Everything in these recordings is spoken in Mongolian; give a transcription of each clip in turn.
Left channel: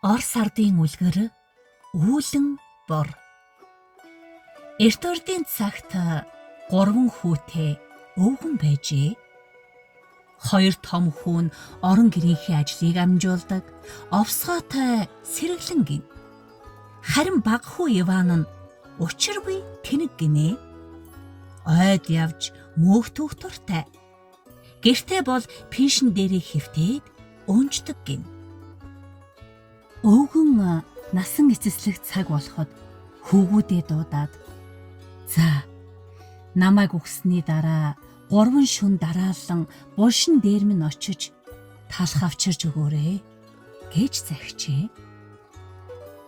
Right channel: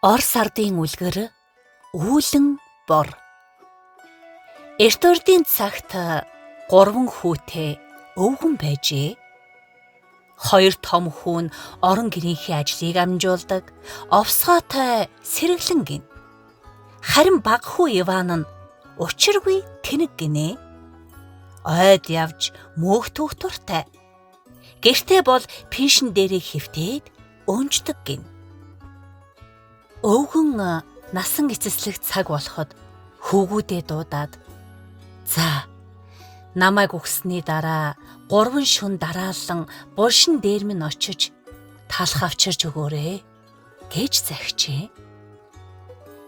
Орос ардын үлгэр үүлэн бор. Эрт урдын цагт 3 хүүтэй өвгөн байжээ. 2 том хүү нь орон гэрийнхээ ажлыг амжуулдаг, овсгоотой сэргэлэн гин. Харин баг хүү Иван нь учиргүй тэнэг гинэ. Ойд явж мөөхтөх туртай. Гэртээ бол пишн дээрээ хөвтөөд өнждөг гин. Өвгөн насан эцэслэх цаг болоход хүүгүүдээ дуудаад "За, намайг үгсний дараа 3 шөнө дараалан булшин дээр минь очиж талх авчирч өгөөрэй" гэж захижээ.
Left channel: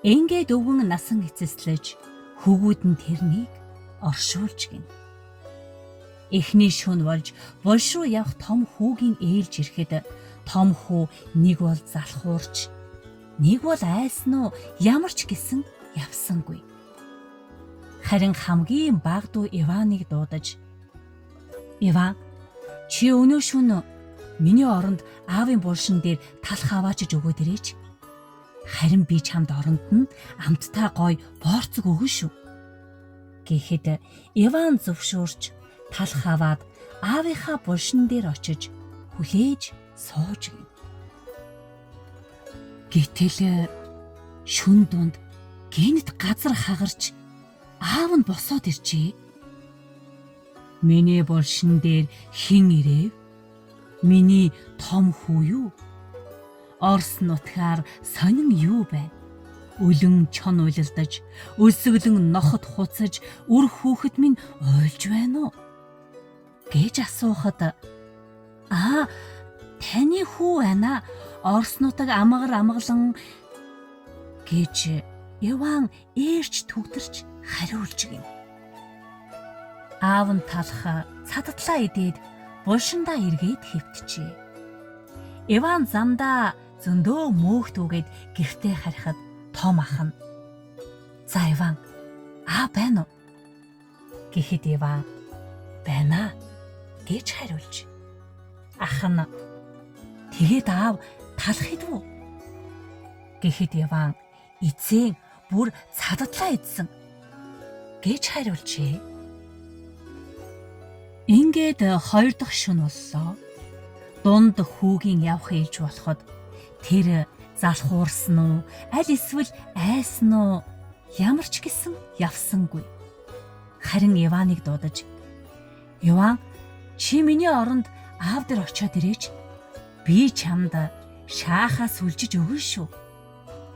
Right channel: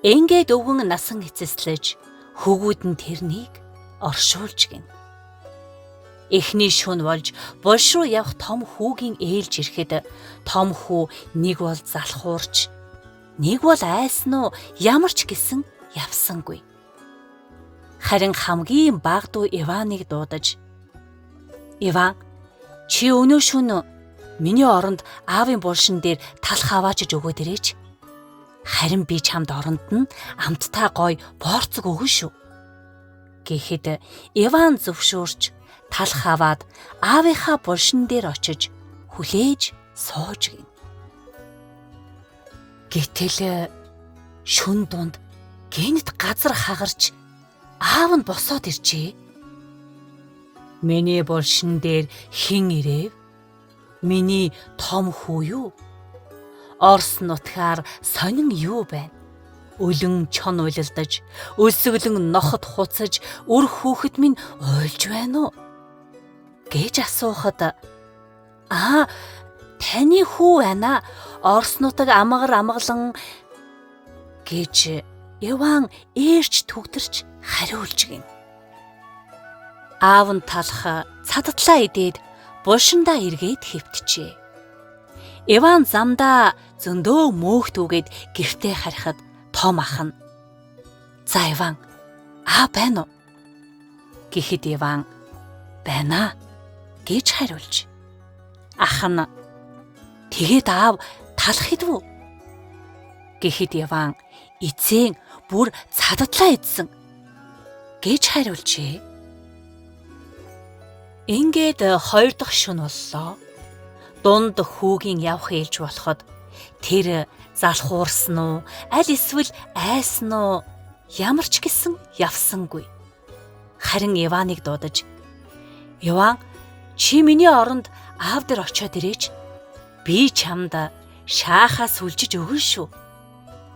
Ингээд өвгөн насан эцэслэж хүүгүүд нь тэрнийг оршуулж гин. Эхний шөнө болж булш руу явах том хүүгийн ээлж ирэхэд том хүү нэг бол залхуурч, нэг бол айсан уу ямар ч гэсэн явсангүй. Харин хамгийн бага дүү Иваныг дуудаж "Иван, чи өнөө шөнө миний оронд аавын булшин дээр талх аваачиж өгөөд ирээч. Харин би чамд оронд нь амттай гой борцог өгнө шүү." Гэхэд Иван зөвшөөрч талх аваад аавынхаа булшин дээр очиж хүлээж сууж гин. Гэтэл шүн дунд гинт газар хагарч аав нь босоод иржээ. "Миний булшин дээр хэн ирэв? Миний том хүү юу? Орос нутгаар сонин юу байна? Үлэн чон уйлалдаж, өсөглөн нохот хуцаж, үр хүүхэд минь уйлж байна уу?" гэж асуухад "Таны хүү байна. Орос нутаг амгалан" гэж Иван ээрч түгтэрч хариулж гин. Аав нь талх цадтлаа идээд булшиндаа эргээд хэвтжээ. Иван замдаа зөндөө мөөхтүүгээд гэртээ харихад том ах нь "За Иван, аав байна уу?" гэхэд Иван "Байна" гэж хариулж. Ах нь "Тэгээд аав талх идвүү?" гэхэд Иван "Эцэг бүр цадтлаа идсэн" гэж хариулжээ. Ингээд 2 дахь шөнө боллоо. Дунд хүүгийн явах ээлж болоход тэр залхуурсан уу, аль эсвэл айсан уу ямар ч гэсэн явсангүй. Харин Иваныг дуудаж "Иван, чи миний оронд аав дээр очиод ирээч. Би чамд шаахаас үлжиж өгнө шүү."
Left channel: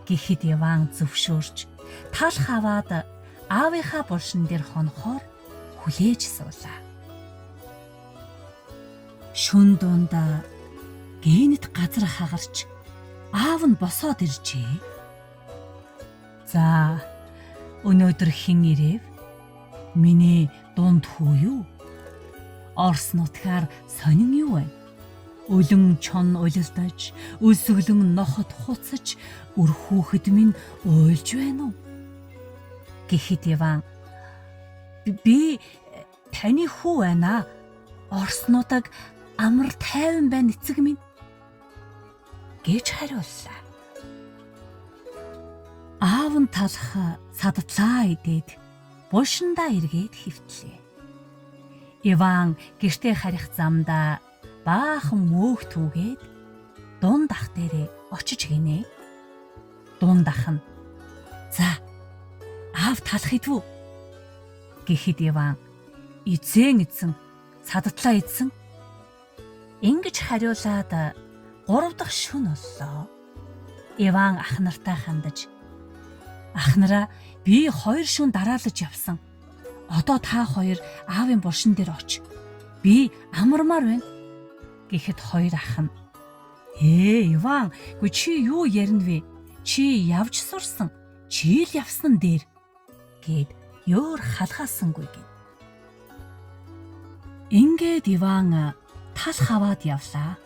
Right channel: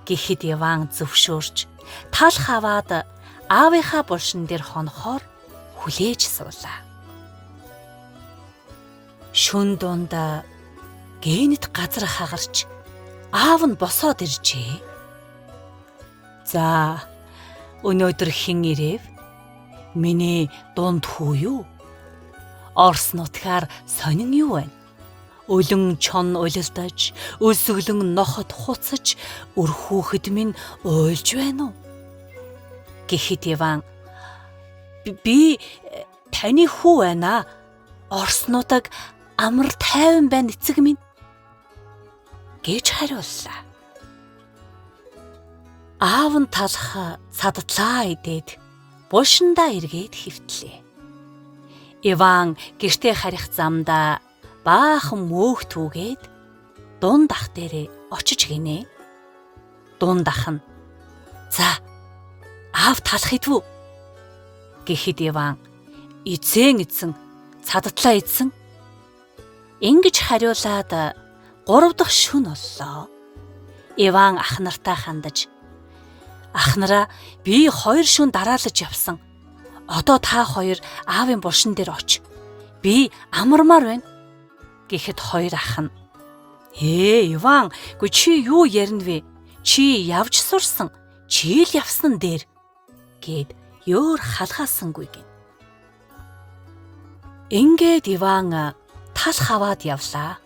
гэхэд Иван зөвшөөрч талх аваад аавынхаа булшин дээр хонохоор хүлээж суулаа. Шүн дунд гинт газар хагарч аав нь босоод иржээ. "За, өнөөдөр хэн ирэв? Миний дунд хүү юу? Орос нутгаар сонин юу байна? Үлэн чон уйлалдаж, өсөглөн нохот хуцаж, үр хүүхэд минь уйлж байна уу?" гэхэд Иван "Би таны хүү байна. Орос нутаг амар тайван байна эцэг минь" гэж хариуллаа. Аав нь талх цадтлаа идээд булшиндаа эргээд хэвтлээ. Иван гэртээ харих замдаа баахан мөөхтүүгээд дунд ах дээрээ очиж гинэ. Дунд ах нь "За, аав талх идвүү?" гэхэд Иван "Эзэн эзэн, цадтлаа идсэн" ингэж хариулаад 3 дахь шөнө боллоо. Иван ах нартай хандаж "Ах нараа, би 2 шөнө дараалаж явсан. Одоо та хоёр аавын булшин дээр оч. Би амармаар байна" гэхэд 2 ах нь Иван, чи юу ярина вэ? Чи явж сурсан. Чи л явсан дээр" гэд ёор халгаасангүй гин. Ингээд Иван талх аваад явлаа.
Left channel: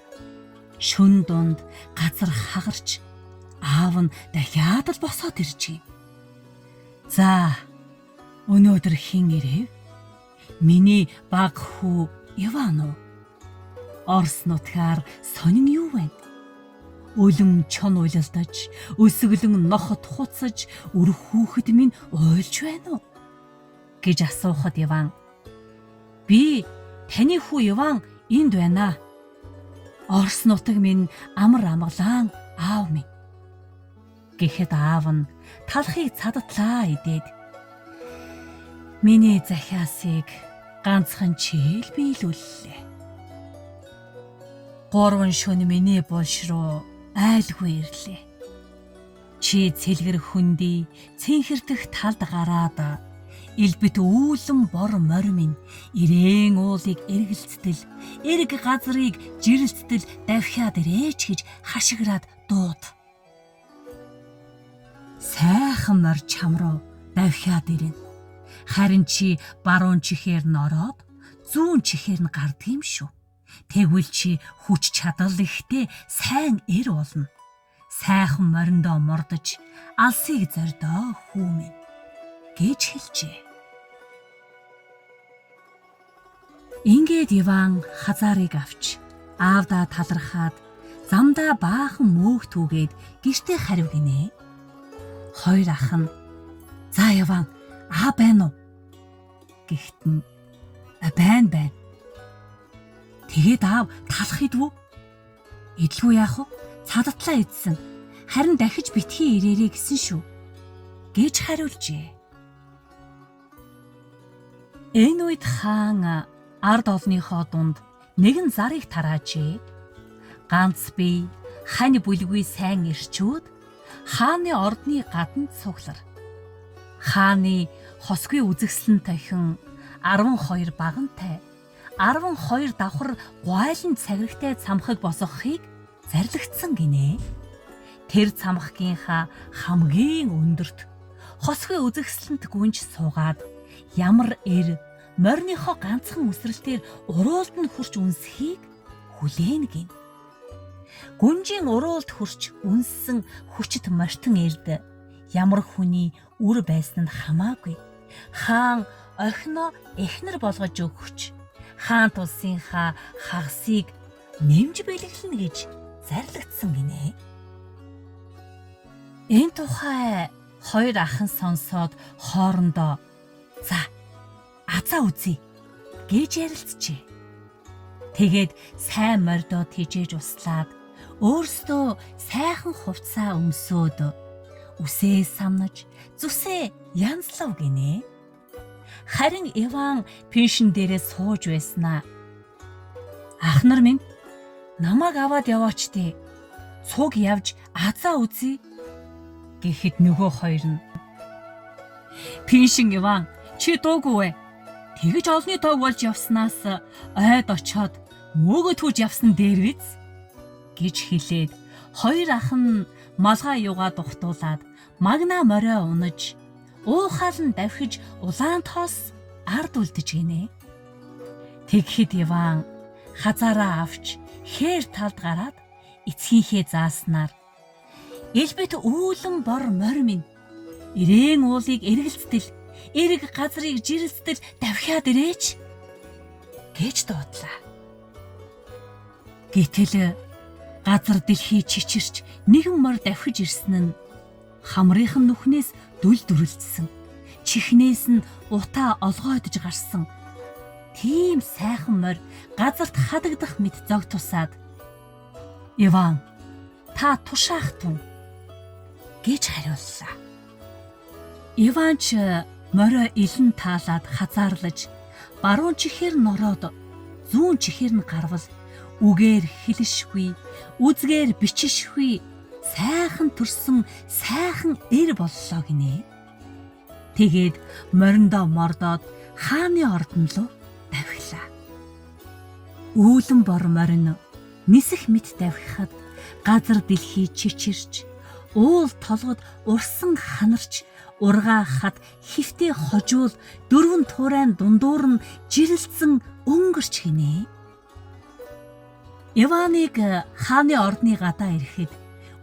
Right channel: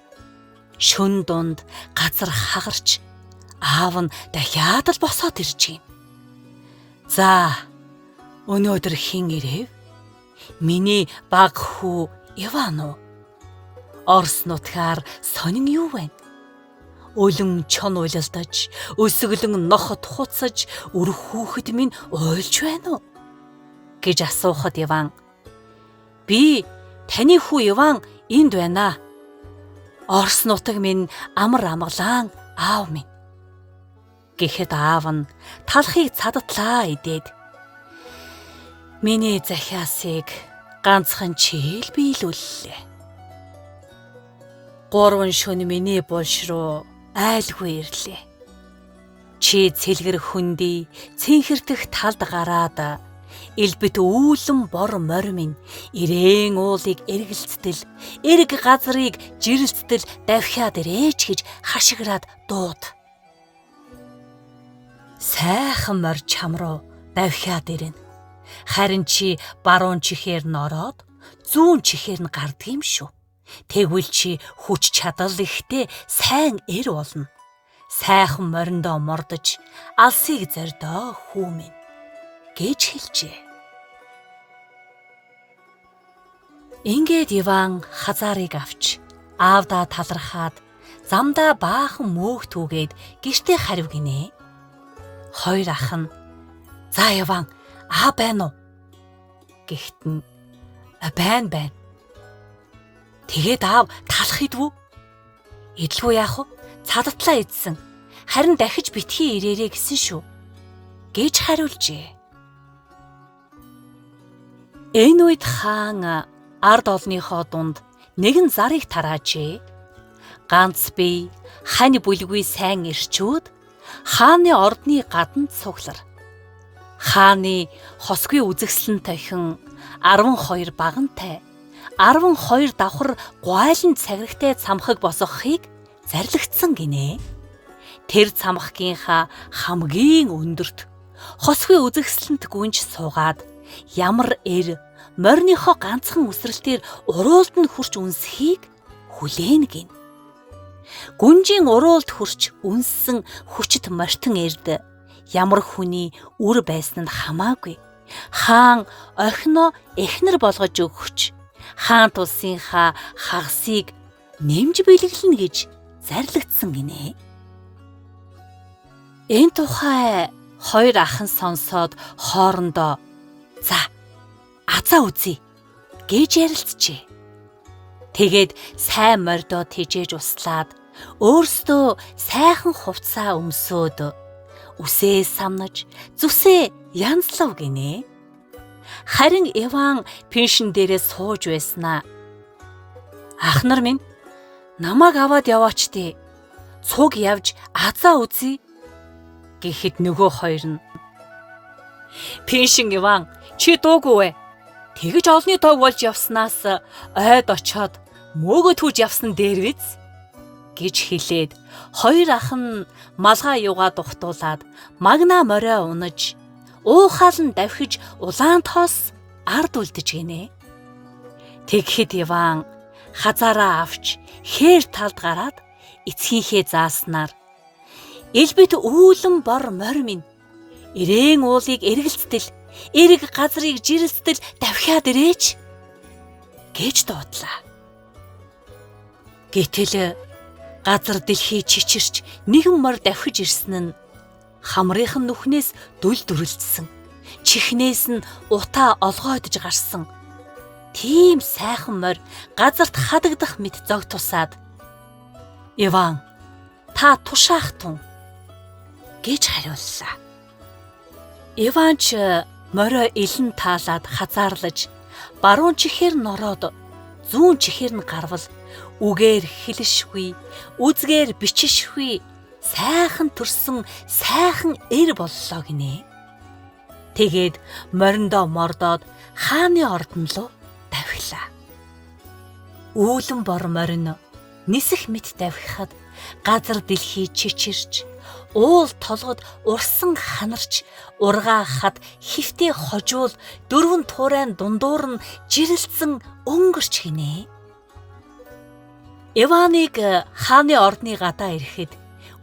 Шүн дунд газар хагарч аав нь дахиад л босоод иржээ. "За, өнөөдөр хэн ирэв? Миний баг хүү Иван уу? Орос нутгаар сонин юу байна? Өлөн чон уйлалдаж, өсөглөн нохот хуцаж, өрх хүүхэд минь уйлж байна уу? Гэж асуухад Иван, "Би таны хүү Иван энд байна. Орос нутаг минь амар амгалан аав минь." Гэхэд аав нь талхыг цадатлаа идээд, "Миний захиасыг ганцхан чи л биелүүллээ. 3 шөнө миний булш руу айлгүй ирлээ. Чи цэлгэр хөндөй цэнхэрдэх талд гараад элбэт үүлэн бор морь минь ирээн уулыг эргэлцтэл, эрг газрыг жирэлцтэл давхиад ирээч" гэж хашгираад дууд. Сайхан морь чам руу давхиад ирнэ. Харин чи баруун чихээр нороод зүүн чихээр нь гардгийм шүү. Тэгвэл чи хүч чадал ихтэй сайн эр болно. Сайхан мориндоо мордож алсыг зордоо хүү минь гэж хэлжээ. Ингээд Иван хазаарыг авч аавдаа талархаад замдаа баахан мөөх түүгээд гэртээ хариу гинэ. Хоёр ах нь, "За Иван, аа байна уу?" Гэхдээ байна. Тэгээд аав талах идвүү? Идэлгүй яах вэ? Цадатлаа идсэн. Харин дахиж битгий ирээрээ гэсэн шүү. Гэж хариулжээ. Энэ үед хаан ард олныхоо дунд нэгэн зарыг тараажээ. Ганц бие хань бүлгүй сайн ирчүүд хааны ордны гадна цуглар. Хааны хосгүй үзэгслэн тохин 12 багантай, 12 давхар гуайлан цаграгтай цамхаг босгохыг зарлигдсан гинэ. Тэр цамхгийнхаа хамгийн өндөрт хосгүй үзэгслэнт гүнж суугаад ямар эр морьныхоо ганцхан үсрэлтээр уруулд нь хурч үнсхийг хүлээн гин. Гүнжийн уруулд хурч үнссэн хүчит мортон эрд ямар хүний үр байсан нь хамаагүй. Хаан орхино эхнэр болгож өгч хаан тулсынхаа хагасыг нэмж бэлгэлнэ гэж зарлигдсан гинэ. Энэ тухай хоёр ах нь сонсоод хоорондоо "За, азаа үзье" гэж ярилцжээ. Тэгээд сайн мордоо тэжээж услаад өөрсдөө сайхан хувцаа өмсөөд үсээ самнаж зүсээ янзлав гинэ. Харин Иван пеншн дээрээ сууж байснаа "Ах нар минь, намайг аваад яваач дээ. Цуг явж азаа үзье" гэхэд нөгөө хоёр нь "Пеншн Иван, чи дуугүй вэ? Тэгж олны тоог болж явснаас ойд очоод мөөгөө түүж явсан дээр биз" гэж хэлээд хоёр ах нь малгай юугаа тухтуулаад магнаа морио унаж уухаал нь давхиж улаан тоос ард үлдэж гинэ. Тэгэхэд Иван хазаараа авч хээр талд гараад эцгийнхээ зааснаар "Элбэт үүлэн бор морь минь ирээн уулыг эргэлцтэл, эрг газрыг жирэлцтэл давхиад ирээч" гэж дуудлаа. Гэтэл газар дэлхий чичирч нэгэн морь давхиж ирсэн нь хамрынхан нүхнээс дүл дүрлжсэн, чихнээс нь утаа олгойдож гарсан. Тийм сайхан морь газарт хадагдах мэт зог тусаад "Иван, та тушаах тун" гэж хариуллаа. Иван ч морио илэн таалаад хазаарлаж баруун чихээр нороод зүүн чихээр нь гарвал үгээр хэлшгүй, үзгээр бичишгүй сайхан төрсөн сайхан эр боллоо гинэ. Тэгээд мориндоо мордоод хааны ордон руу давхилаа. Үүлэн бор морин нисэх мэт давхихад газар дэлхий чичирч, уул толгод урсан ханарч, ургаа хад хифтэй хожуул дөрвөн туурайн дундуур нь жирэлцэн өнгөрч гинэ. Иваныг хааны ордны гадаа ирэхэд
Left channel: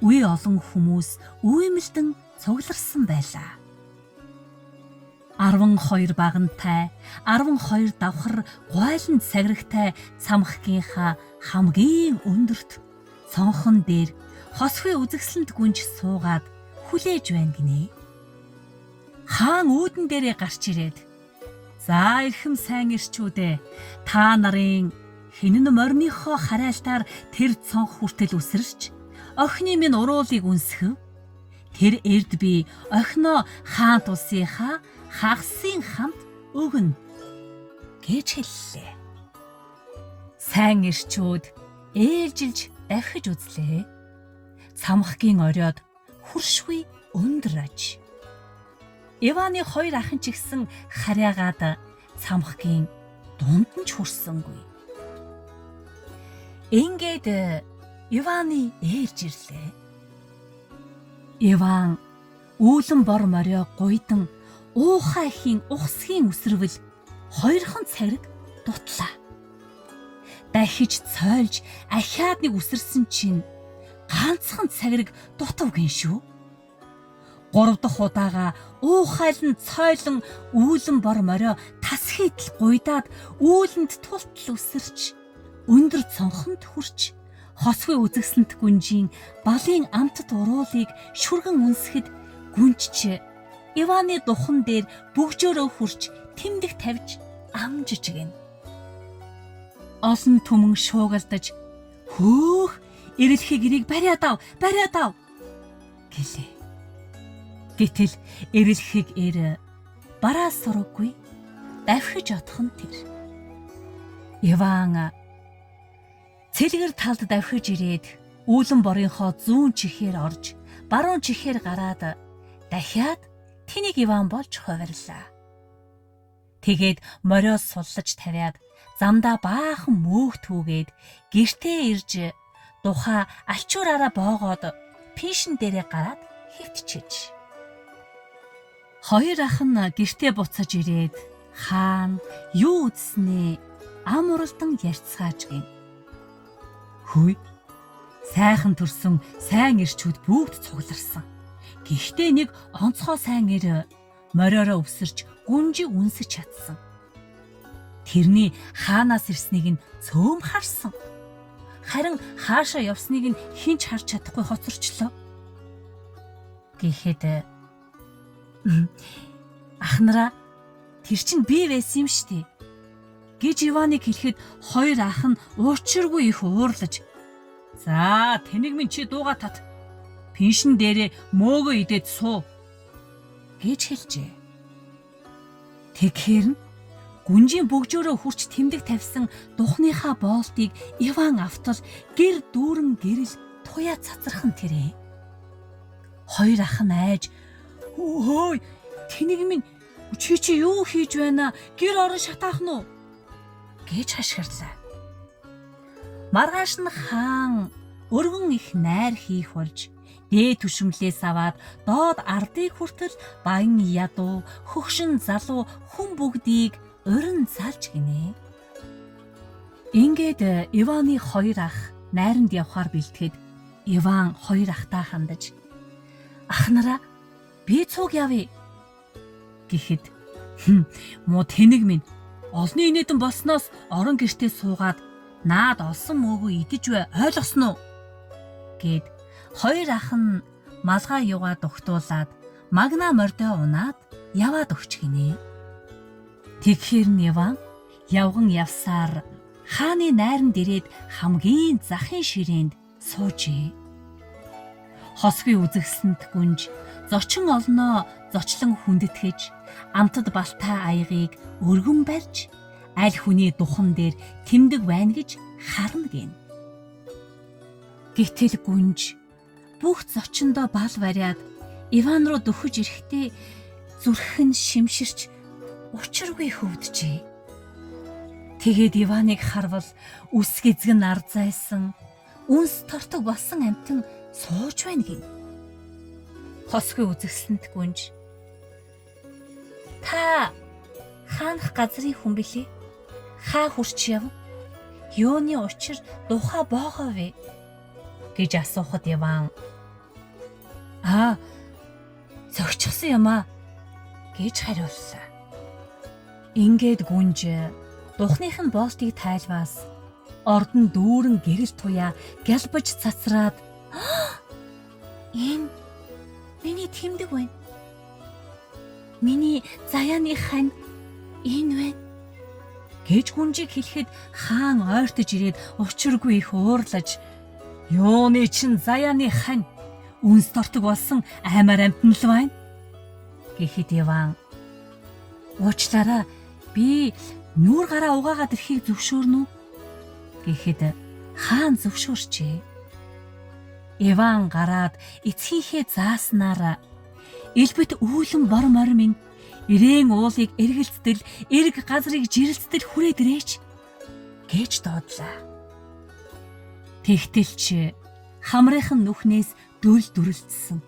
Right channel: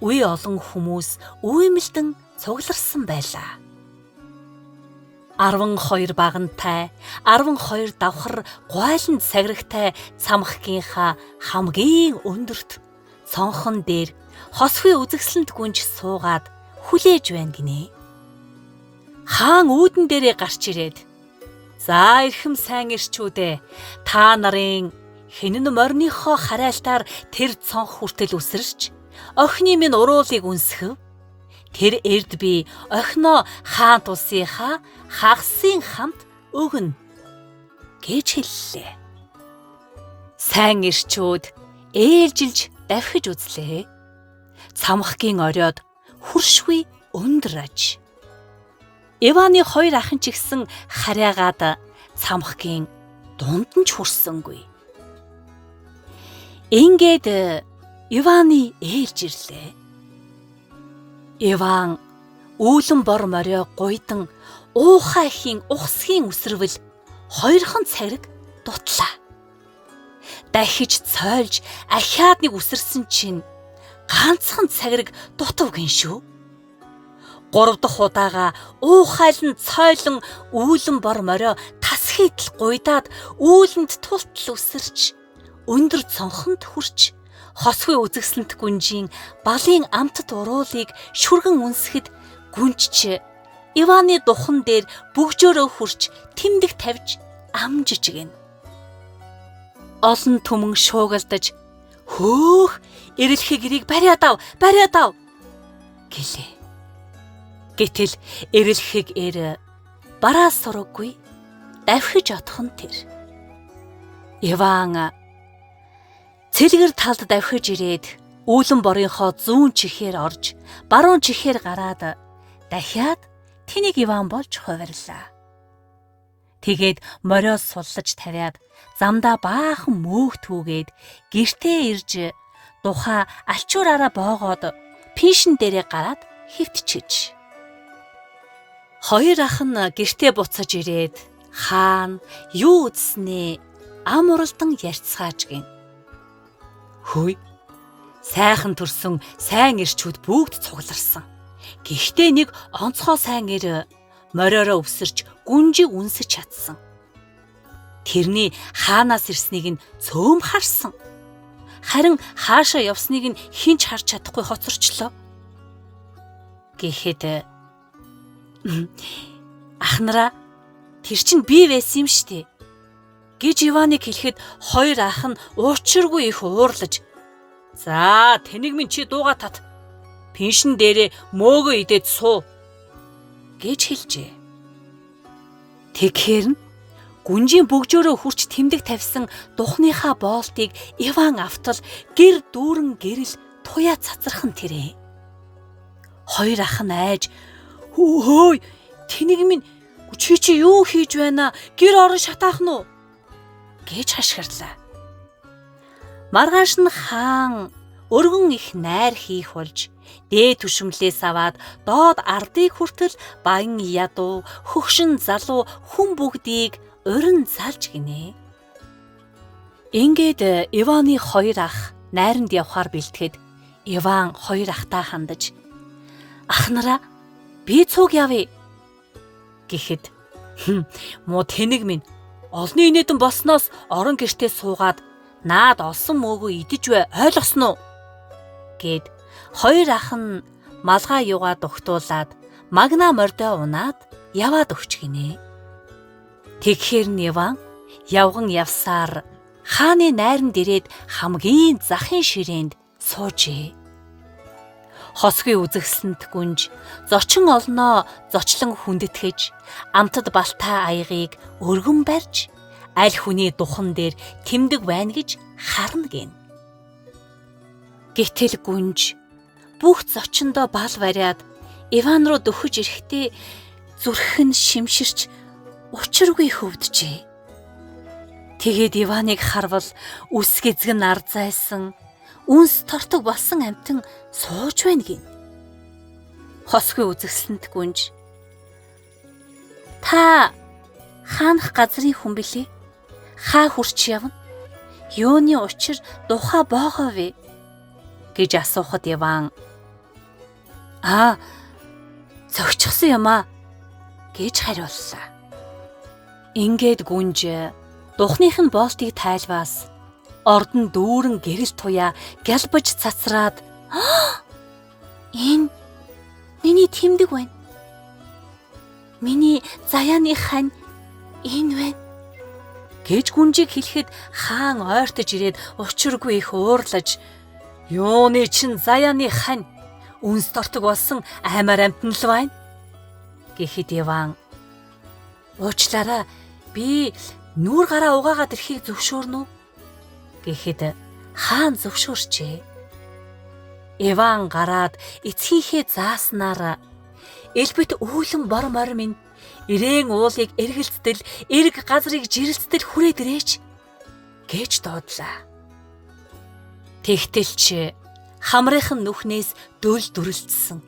үе олон хүмүүс үймэлдэн цугларсан байлаа. 12 багантай, 12 давхар гуайлан цаграгтай цамхгийнхаа хамгийн өндөрт цонхон дээр хосхи үзэгсэлэнт гүнж суугаад хүлээж байна гинэ. Хаан үүдэн дээрээ гарч ирээд "За эрхэм сайн ирчүүдээ, та нарын хинэн морныхоо харайлтаар тэр цонх хүртэл үсэрч охины минь уруулыг үнсгэв. Тэр эрд би охиноо хаан тусынхаа хагасын хамт өгнө" гэж хэллээ. Сайн ирчүүд ээлжилж давхиж үзлээ. Цамхгийн оройд хүршгүй өндөр аж. Иваны хоёр ахын ч гэсэн хараагаад цамхгийн дунд нь ч хүрсэнгүй. Ингээд Иваны ээлж ирлээ. Иван үүлэн бор морио гуйдан уухай ихийн ухсхийн үсрэвэл хоёрхан цагираг дутлаа. Дахиж цойлж ахиад нэг үсэрсэн чинь ганцхан цагираг дутав гин шүү. 3 дахь удаага уухайлан цойлон үүлэн бор морио тасхийдл гуйдаад үүлэнд тултал үсэрч өндөр цонхонд хүрч хосхи үзэгсэлэнт гүнжийн балын амтд уруулыг шүргэн үнсэхэд гүнжч Иваны духан дээр бөгжөөрөө хүрч тэмдэг тавьж амжиж гин. Олон түмэн шуугалдаж "Хөөх, эрэлхийг ирийг бариад ав гэлээ. Гэтэл эрэлхийг бараас сураггүй давхиж отхон тэр. Иван цэлгэр талд давхиж ирээд үүлэн борынхоо зүүн чихээр орж баруун чихээр гараад дахиад тэнийг Иван болж хувирлаа. Тэгээд мориос суллаж тавиад замдаа баахан мөөх түүгээд гэртээ ирж тухай алчуураараа боогоод пишин дээрээ гараад хэвтчихэж. Хоёр ах нь гэртээ буцаж ирээд хаан юу үзснээ ам уралдан ярьцгааж гин. Хөөе, сайхан төрсөн сайн ирчүүд бүгд цугларсан. Гэхдээ нэг онцгой сайн ир мориороо өвсөрч гүнжиг үнсэж чадсан. Тэрний хаанаас ирснийг нь цөөм харсан. Харин хаашаа явсныг нь хинч харж чадахгүй хоцорчлоо. Гэхэд "Ахнараа, тэр чинь би байсан юм штэ" гэж Иваныг хэлэхэд хоёр ах нь уучиргүй их уурлаж "За, тэнийг минь чи дууга тат. Пеншин дээрээ мөөгөө идээд суу" гэж хэлжээ. Тэгэхээр нь гүнжийн бөгжөөрөө хүрч тэмдэг тавьсан духныхаа боолтыг Иван автал гэр дүүрэн гэрэл туяа цацархан тэрээ. Хоёр ах нь айж "Хөөе, тэнийг минь чи юу хийж байна? Гэр орон шатаах нь уу?" гэж хашгирлаа. Маргааш нь хаан өргөн их найр хийх болж дээд түшмлээс аваад доод ардыг хүртэл баян ядуу, хөгшин залуу хүн бүгдийг урин залж гинэ. Ингээд Иваны хоёр ах найранд явхаар бэлтгэхэд Иван хоёр ахтаа хандаж "Ахнараа, би цуг явъя" гэхэд "Муу тэнэг минь олны инээдэн болсноос орон гэртээ суугаад наад олсон мөөгөө идэж бай, ойлгосноо" гэд хоёр ах нь малгай юугаа дугтуулаад магна мордоо унаад яваад өгч гинэ. Тэгэхээр Иван явган явсаар хааны найранд ирээд хамгийн захын ширээнд суужээ. Хосхи үзэгсэлэнт гүнж зочин олноо зочлон хүндэтгэж амтд балтаа аягыг өргөн барьж аль хүний духан дээр тэмдэг байна гэж харна гин. Гэтэл гүнж бүх зочиндоо бал бариад Иван руу дөхөж ирэхдээ зүрх нь шимширч учиргүй хөвдөжээ. Тэгээд Иваныг харвал үс гэзгэн ар зайсан, үнс тортог болсон амтан сууж байна гин. Хосхи үзэгсэлэнт гүнж "Та хаанах газрын хүн билээ? Хаа хурч явна? Юуны учир духа боогоо вэ?" гэж асуухад Иван "Зөгчсөн юм аа" гэж хариуллаа. Ингээд гүнж духных нь боолтыг тайлбаас ордон дүүрэн гэрэл туяа гялбаж цацраад тэмдэг байна. Миний заяаны хань энэ байна гэж гүнжиг хэлэхэд хаан ойртож ирээд учиргүй их уурлаж юуны чин заяаны хань үнс тортог болсон аймаар амтан л байна гэхэд Иван уучлаарай би нүүр гараа угаагаад ирэхийг зөвшөөрнө үү гэхэд хаан зөвшөөрчээ. Иван гараад эцгийнхээ зааснаар элбэт үүлэн бор морь минь ирээн уулыг эргэлцтэл эрг газрыг жирэлцтэл хүрээд ирээч гэж дуудлаа. Тэгтэлч хамрынхан нүхнээс дөл дүрлцсэн,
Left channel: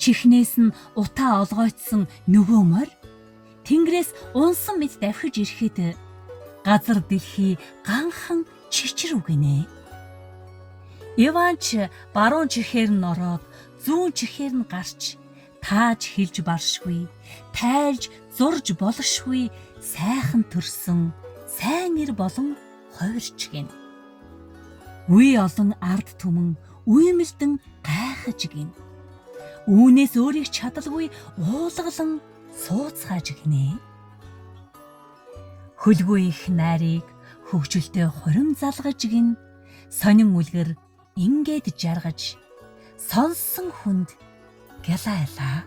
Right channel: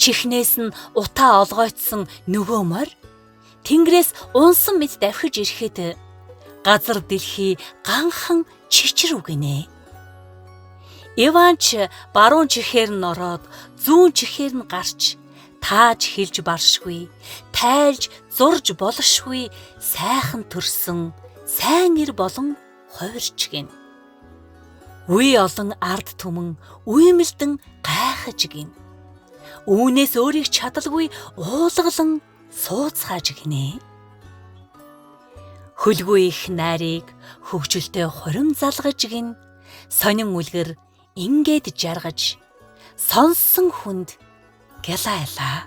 чихнээс нь утаа олгойтсон нөгөө морь тэнгэрээс унсан мэд давхиж ирэхэд газар дэлхий ганхан чичрүү гинэ. Иван ч баруун чихээр нь ороод зүүн чихээр нь гарч тааж хэлж баршгүй, тайлж зурж болшгүй сайхан төрсөн сайн ир болон хувирч гин. Үе олон ард түмэн үймэлдэн гайхаж гин. Үүнээс өөрийг чадалгүй уулгалан сууцгааж гинэ. Хөлгүй их найрыг хөвгөлтэй хорим залгаж гин. Сонин үлгэр ингээд жаргаж сонсон хүнд гялайлаа.